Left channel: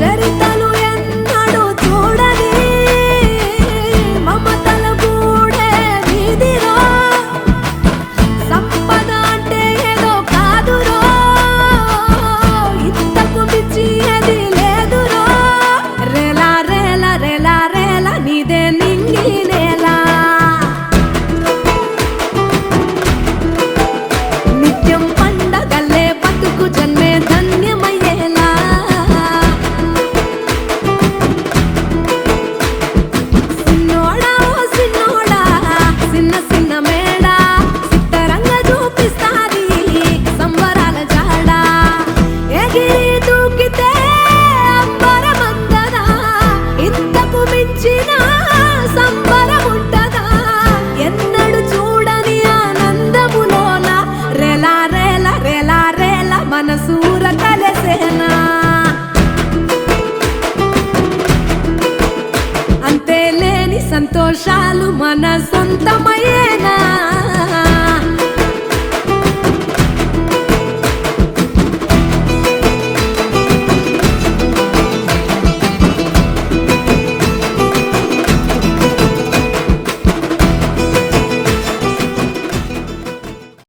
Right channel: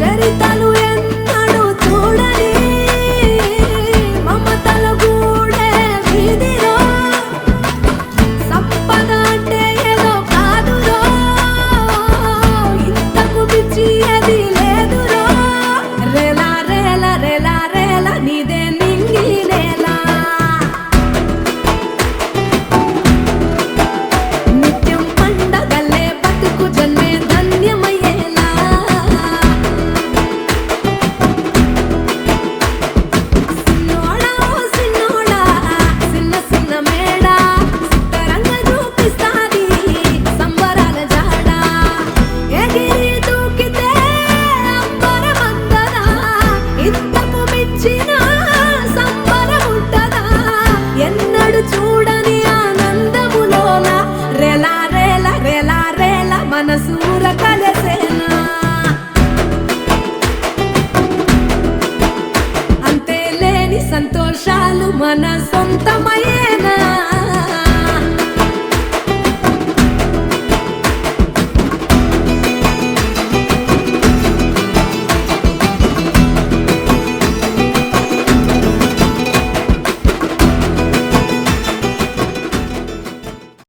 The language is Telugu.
చరితలు ఎన్నడూ చూడని మమతల గూడే వీధిరో సంపద అంటే ఏదో కాదురో ఇంతకు మించి అది లేదురో రేలా రేలా రేలా రేలా నీదే నింగి నేలా నిత్యం పండగల్లే బతుకు జన్మే ధన్యమయ్యేలా సిన్నోడా ఓ సిన్నోడా సిన్న సిన్న మేడా సిత్తరంగ చూపిస్తాది సంబరాల జాడా ఎగిరి దూకితే అంబరమందదా ఇంతకు మించిన సంబరముంటదా ఎన్నడు చూడని ఆనందములోన రేలా రేలా రేలా రేలా మనసూర కలసేనా అంతే లేని సంతోషాలు మన సొంతమయ్యేనా